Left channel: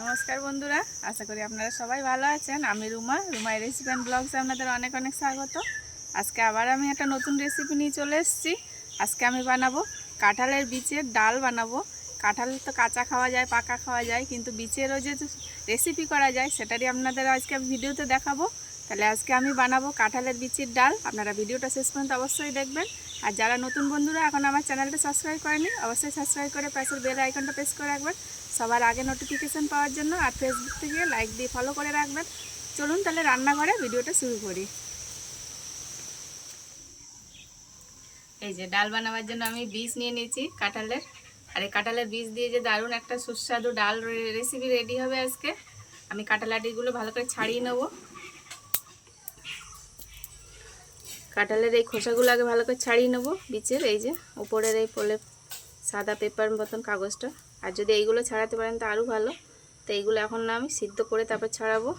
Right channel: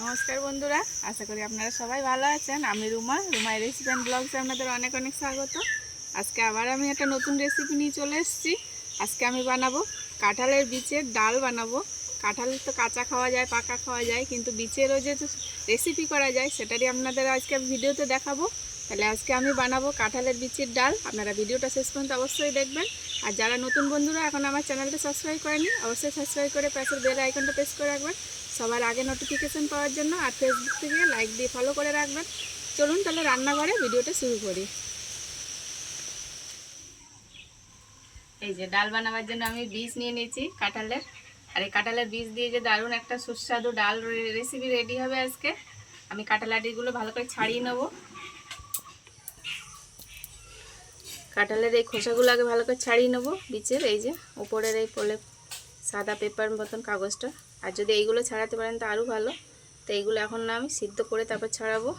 নমস্কার বন্ধুরা, আশা করি আপনারা সবাই ভালো আছেন। আমি রুমা রেসিপি অ্যান্ড ব্লগসে আপনাদের অনেক অনেক স্বাগত। আজকে আবার আমি একটা নতুন রেসিপি নিয়ে চলে এসেছি। আজকে আমি বানাবো কাঁঠালের বীজের ডাল বানাবো। কাঁঠাল তো কাঁচা খাওয়া যায়, পাকা খাওয়া যায়, কিন্তু বীজেরও যে রেসিপি করা যায় সেটারই আপনাদের আজকে ভিডিওতে দেখাবো। তাহলে আজকে আমি বানাবো কাঁঠালের বীজের ডাল। আপনারা ভিডিওটা শেষ পর্যন্ত অবশ্যই দেখবেন। আর যারা নতুন বন্ধুরা এখন আমার চ্যানেলটা সাবস্ক্রাইব করেনি, অবশ্যই সাবস্ক্রাইব করে পাশের বেল আইকনটা প্রেস করে রাখবেন সবার আগে নোটিফিকেশন পাওয়ার জন্য। আর ফেসবুক থেকে লাইক দিয়ে ফলো করে রাখবেন। চলুন তাহলে রান্নাঘরে ভিডিওটা শুরু করি। এই যে ডাল বানাবার জন্য আমি বীজ নিয়ে নিয়েছি কাঁঠালের। আর এই কাঁঠালের বীজ দিয়ে যে দারুণ একটা সুস্বাদু ডাল রেসিপি রেডি হবে আজকে। আমি কাঁঠালাটিগুলো ভালো করে ছাড়িয়ে নেব। কাঁঠালের এই খোসাগুলো আগে ভালো করে ছাড়িয়ে নেব বীজের। এই যে উপরের এই পলে সাদা পেপার মতন কাগজটা, আর যদি এইগুলো ছাড়াতে পারেন তো আরও ভালো। তো এইগুলো এখন না আমি সিদ্ধ করে তারপর ছাড়াবো।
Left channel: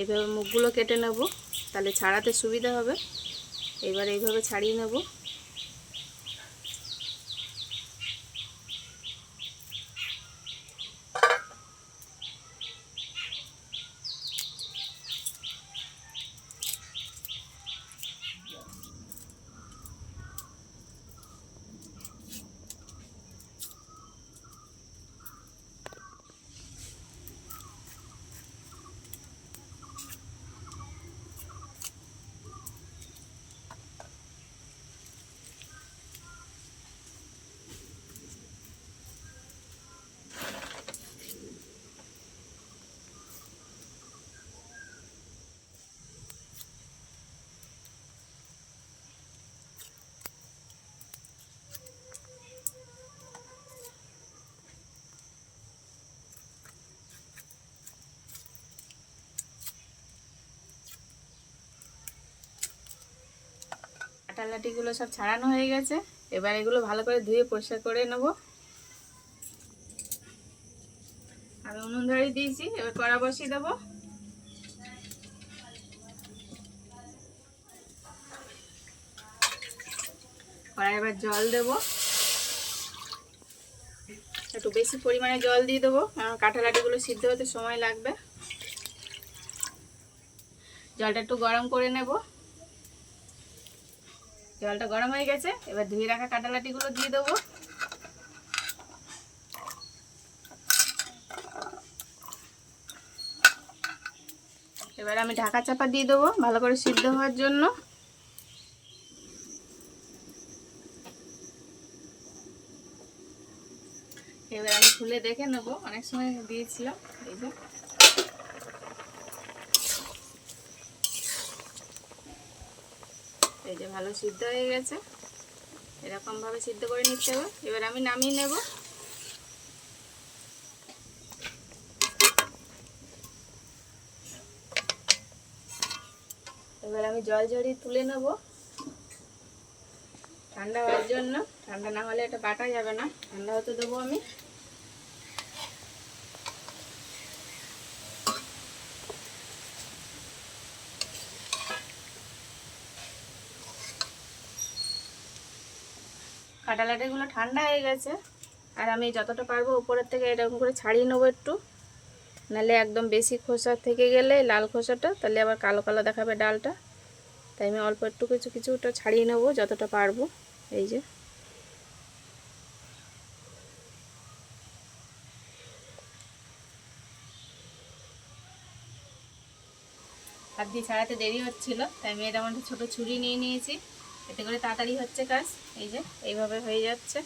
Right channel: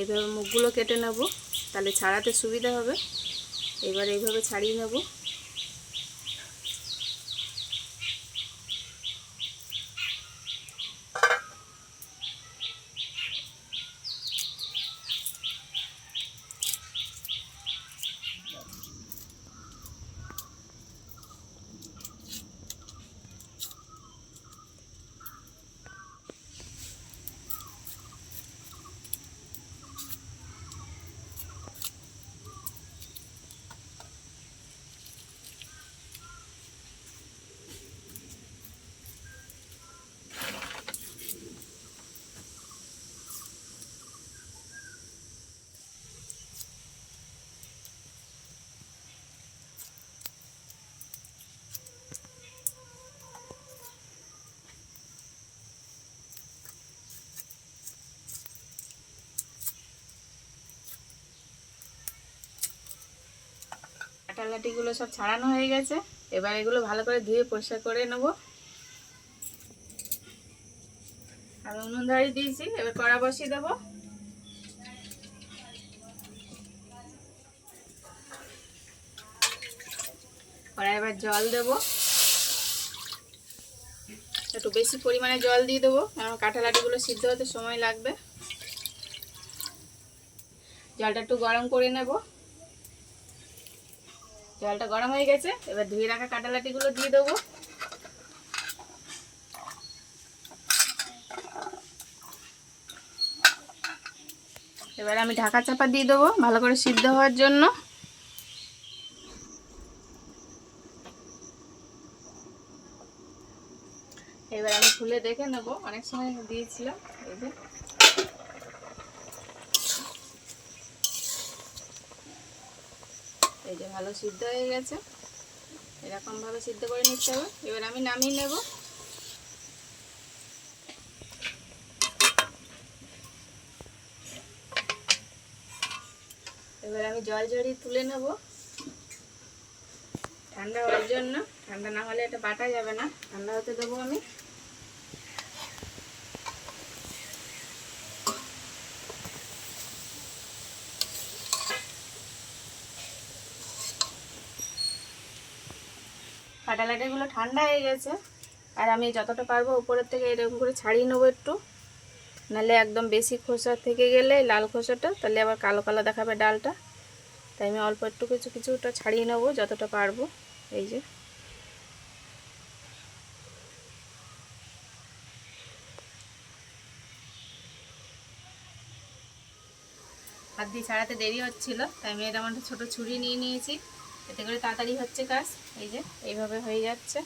এইভাবে মুখগুলো কেটে নেব, তাহলে ছাড়াতে সুবিধা হবে। এবার এইভাবে ছাড়িয়ে নেব। কাঁঠালাটিগুলো সব ছাড়ানো হয়ে গেছে। এবার এগুলো ভালো করে ধুয়ে পরিষ্কার করে নেব। আমি উনুন ধরিয়ে দিয়েছি, এবার কড়া বসিয়ে দেবো। কড়াই এবার জল দেব, একটু বেশি পরিমাণে জল দিয়ে দেবো, কারণ কাঁঠালাটিগুলো সিদ্ধ হতে সময় লাগবে। জলটা একটু গরম করে নেব। জলটা গরম হয়ে গেছে, এবার ধুয়ে রাখা কাঁঠালাটিগুলো দিয়ে দেবো। এবার আমি ঢাকা চাপা দিয়ে দেবো ভালো করে সিদ্ধ হওয়ার জন্য। এবার আমি খুলে দেখে নেব, অনেক সময় দিয়েছিলাম। এই যে ভালো সিদ্ধ হয়ে গেছে, এরকম ভাবে সিদ্ধ করে নিতে হবে। এবার আমি নামিয়ে নেব। এবার আমি জল ঝরিয়ে তুলে নেব ঠান্ডা হওয়ার জন্য। ঠান্ডা না হলে এটা বাটা যাবে না, ঠান্ডা হতে দেবো আমি। কাঁঠালাটিগুলো ঠান্ডা হয়ে গেছে, আর আমি যতটা পারবো উপরের থেকে এরকম করে ছাড়িয়ে নেবো একটু, নাহলে একদম বেশি খোসা থেকে গেলে লাল খোসাটা তাহলে আবার কালো কালো দেখাবে ডালটা। তাই আমি অল্প একটু কিছুটা ছাড়িয়ে নেবো যতটা পারবো। এই যে হাত দিয়ে ছাড়াতে দেরি হচ্ছিল, তাই আমি এর মধ্যে ছোটো ছুরি নিয়ে নিয়েছি, এতে করে তাড়াতাড়ি হচ্ছে কাজ। এই যে এইভাবে হয়ে যাচ্ছে,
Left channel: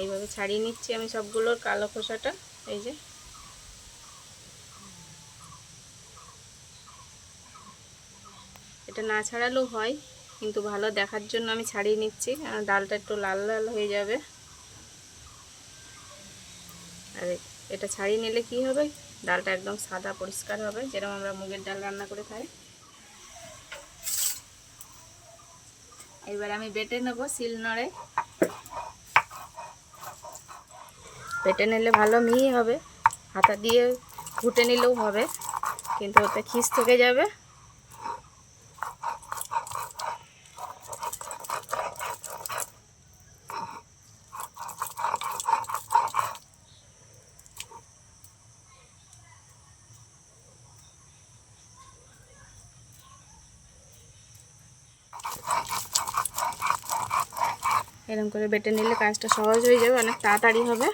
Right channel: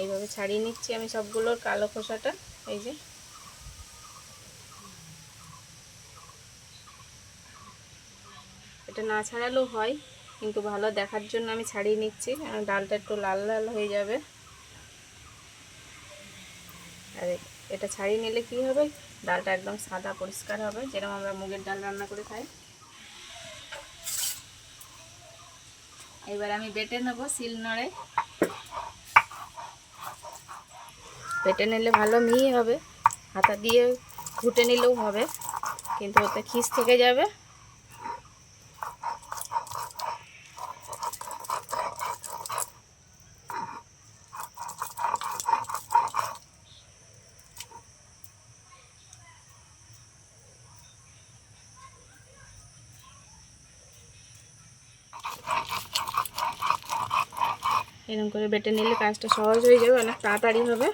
এইভাবে ছাড়িয়ে নিচ্ছি আমি সবগুলোর কালো খোসাটা। এই যে এটা না ছাড়ালেও হয়, কিন্তু ভালো দেখার জন্য আমি ছাড়িয়ে নিচ্ছি, কারণ ডালটা একটু লাল লাল হয়ে যাবে। আর এটা ছাড়িয়ে নিলে কি হবে, ডালটা একদম সাদা পরিষ্কার হবে, যেরকম আমরা মুগের ডাল রান্না করে খাই। এবার আমি বেটে নেব শিলনোড়ায়। বেটে নিলে ভালো মিহি হবে, হাতা দিয়ে ঘুটে নিলেও হবে, কিন্তু ওতে খিস থেকে যাবে। এরকম করে বেটে নিলে কাজটা সহজ হয়ে যাবে, অনেক তাড়াতাড়ি হবে।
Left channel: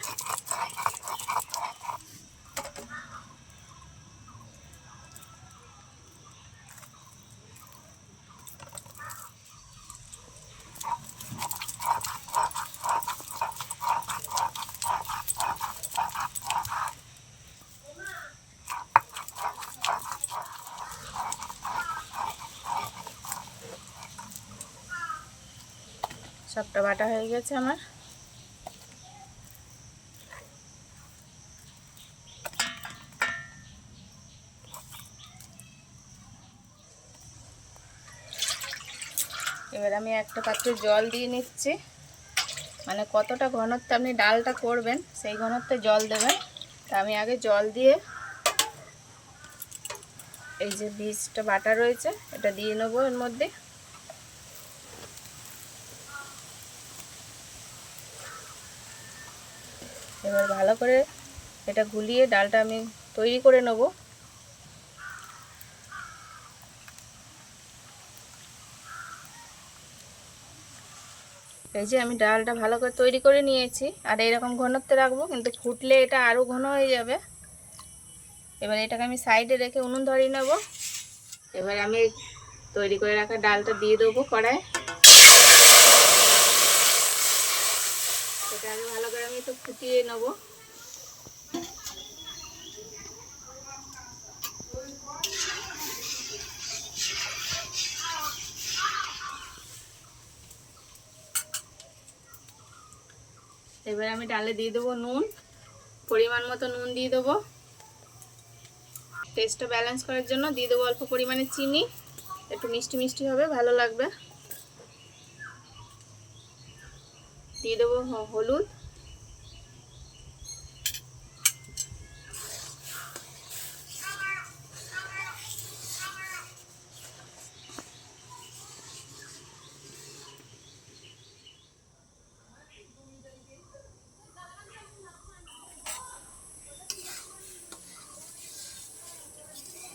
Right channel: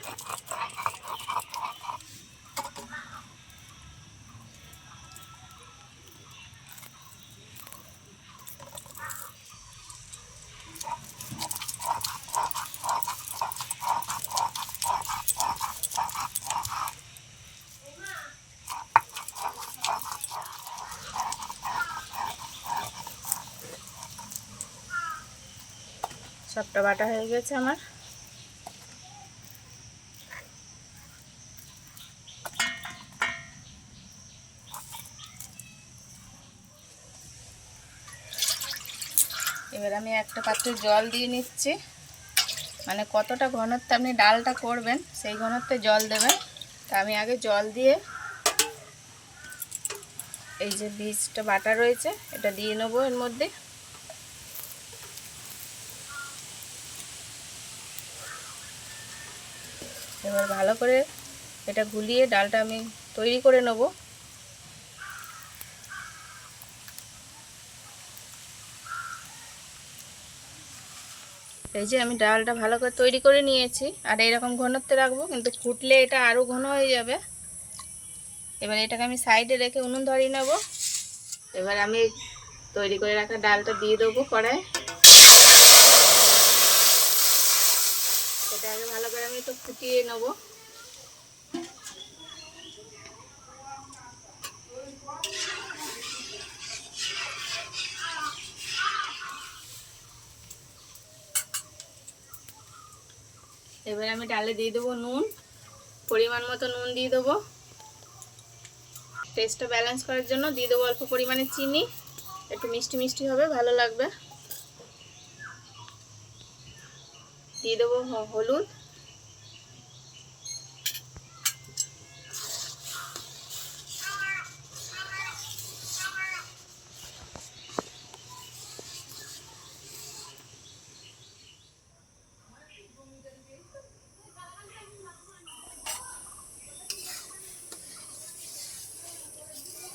সবটা বাটা হয়ে গেছে আমার। এবার আমি একটা পাত্রে জল দিয়ে নিচ্ছি, মানে কতটা ঘনত্বে আপনি ডালটা করবেন সেই ঘনত্বে জল দেবেন। তা আমি আগে জল দিয়ে এই যে বীজটা বাটা রয়েছে এটা দিয়ে নেবো এর মধ্যে। এবার ভালো করে এটা গুলিয়ে ডালটা আমি তৈরি করে নেব। এই যে আমি ডালটা ভালো করে তৈরি করে নিয়েছি, আর এইরকম ঘনত্বে রাখবো, কিন্তু ফুটলে এটা আরও ঘন হয়ে যাবে। এবার এটাকে আমি সাইডে রেখে উনুন ধরিয়ে নেব। এবার আমি তৈরি করে রাখা ডালটা দিয়ে দেবো কড়ায়। এটা আগে ভালো করে আমি একটু ফুটিয়ে নেব। এবার আমি ডালে দিয়ে দেবো নুন, পরিমাণ মতো নুন দিয়ে দেবো। টেস্টটা ব্যালেন্স করার জন্য দিয়ে দেবো অল্প পরিমাণে চিনি, একটু মিষ্টি মিষ্টি হবে, ভালো লাগবে। দিয়ে দেবো হলুদ,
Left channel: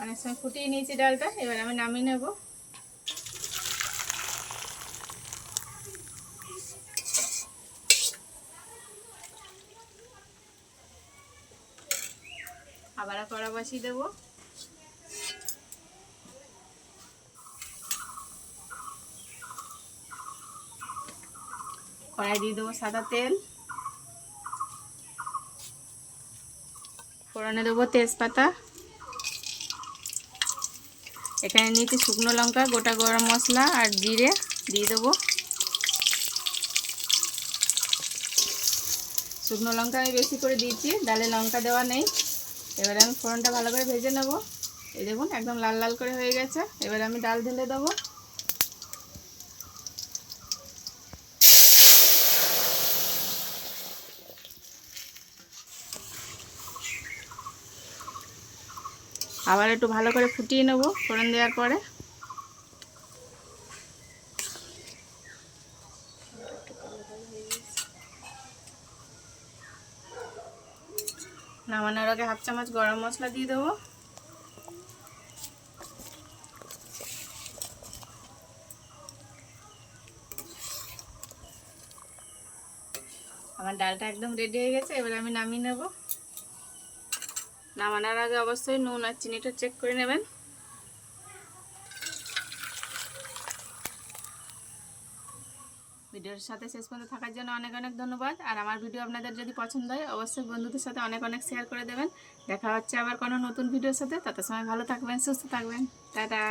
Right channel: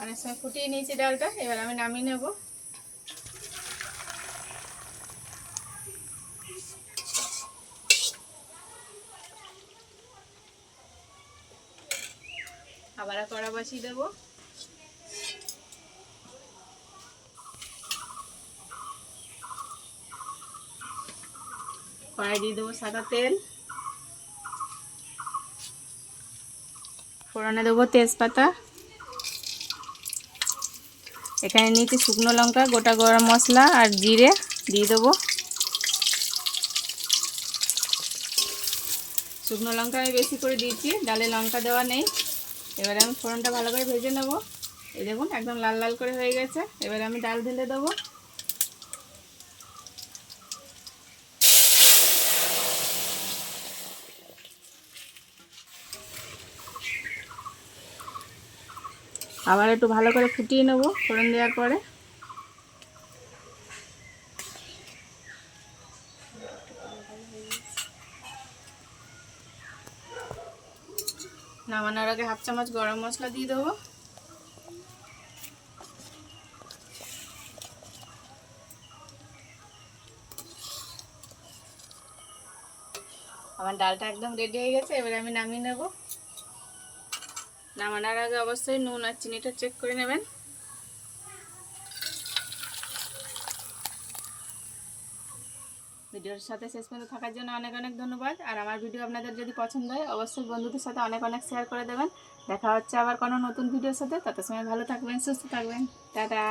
অনেক সময় ফুটিয়ে নিয়েছি ডালটা। এবার আমি নামিয়ে নেব। আবার কড়া বসিয়ে দেবো। কড়াই দিয়ে দেবো সাদা তেল, ফোড়নে দেবো তেজপাতা, এখানে নিয়েছি শুকনো লঙ্কা, গোটা গরম মশলা আর জিরে দিয়ে দেবো। শুকনো লঙ্কা আমি বেশি করে দিয়েছি, ডালে লঙ্কা দেওয়া নেই। এবারে আমি ফোড়নটা ভালো করে ভেজে নেব। এই দেখুন একদম লাল লাল করে হয়ে গেছে। এবারে আমি ডাল ঢেলে দেবো। আবার একটু ভালো করে ফুটিয়ে নেব ফোড়ন দেওয়ার পরে। নামানোর আগে হাফ চামচ গরম মশলা দিয়ে দেবো। আমার ডালটা একদম রেডি হয়ে গেছে। এবারে আমি নামিয়ে নেব। নামানোর আগে অবশ্যই নুন আর চিনিটা চেক করে নেবেন। ভিডিওর সাথে শেষ পর্যন্ত থাকার জন্য অনেক অনেক ধন্যবাদ। আর আমার ভিডিও আপনাদের যদি পছন্দ হয় অবশ্যই বন্ধুদের সাথে অনেক অনেক শেয়ার করে দেবেন। দেখা হচ্ছে আবার কোনো নতুন ভিডিওর সাথে। তত সময় ভালো থাকবেন, সুস্থ থাকবেন। টাটা।